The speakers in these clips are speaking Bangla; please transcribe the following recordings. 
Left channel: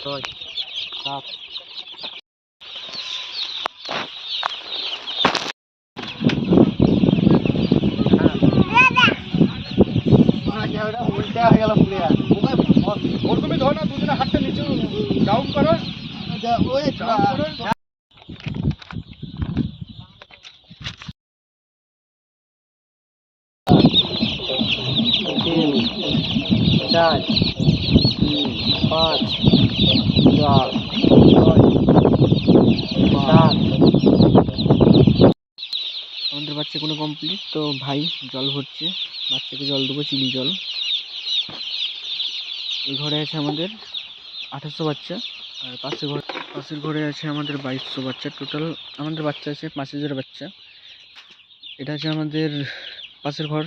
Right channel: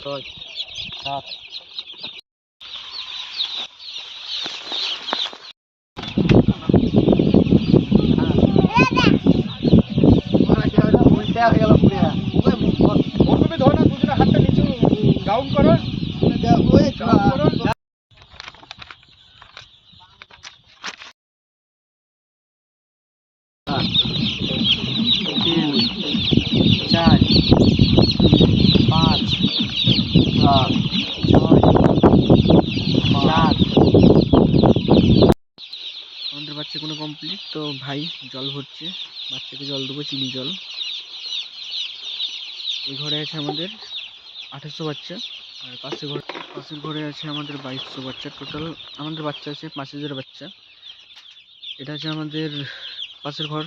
ছয় সাত প্রথমে ধরো হাতটা নিচু ডাউন করো ডাউন চার পাঁচ চার সাত আমাদের বাচ্চা কোনো কমপ্লিট তো ভাই, জল ভরছে। বাচ্চাকে জল দেবো, চিনি জল। এই ঘরে আছে আমাদের আঠাশশো বাচ্চা। আর পাশের ঘর, পাশের ঘরে আছে আমাদের বাইশশো বাচ্চা টোটাল আমাদের বাচ্চা আছে পাঁচ হাজার বাচ্চা। এটা হচ্ছে আমাদের পাশের ঘর,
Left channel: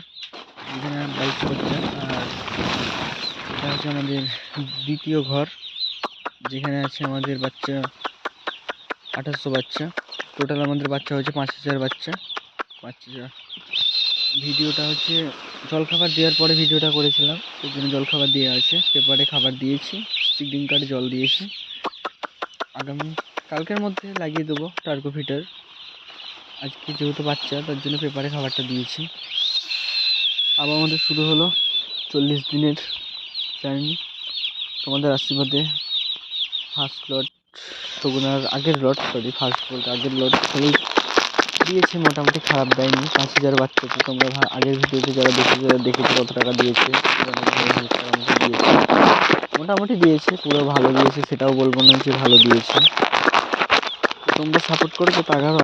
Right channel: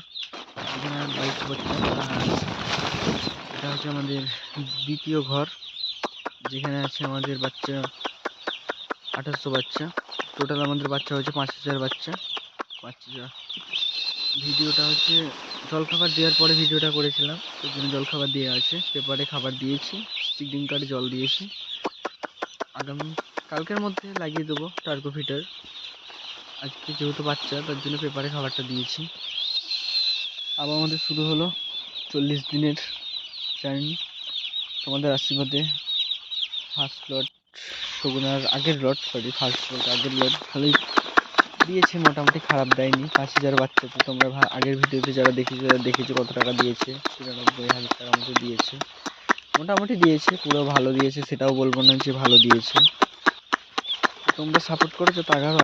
এখানে বাইশশো বাচ্চা। আর এটা হচ্ছে আমাদের দ্বিতীয় ঘর, যেখানে আছে আমাদের বাচ্চা আঠাশশো বাচ্চা। টোটাল আমাদের বাচ্চা হয়েছে পাঁচ হাজার বাচ্চা। হাজার ভিডিওটা হচ্ছে জলখাবার দেওয়ার পরে ভিডিওটা করেছিলাম, সেই জন্য জলখাবার দেওয়া আছে। পেপারে খাবার দিয়েছি স্টিকিং কার্ডে জল দিয়েছি। আগামী, কালকের মধ্যে লাগিয়ে দেবো টার্গো ফিটার আজকে যেহেতু বাচ্চা, তার জন্য পেপারে খাবারটা দিয়েছি। আবার আমাদের শুরু হলো চল্লিশ দিনের জার্নি তোমাদের আশীর্বাদে ফার্স্ট লট সগুনার আগের লট সরি ফার্স্ট লট আগের লট ভালোই দিয়েছে, মোটামুটি খারাপ দেয়নি। পাঁচ হাজার বাচ্চা তো তোমরা আগের ভিডিওতে যারা দেখেছ যারা দেখেছ কত টাকা দিয়েছে। দিয়েছে। মোটামুটি দিয়েছে, পুরো ভালো দিয়েছে, সেটাও বলব না যে ভালো দিয়েছে। তোমরা সাপোর্ট করেছ টাকা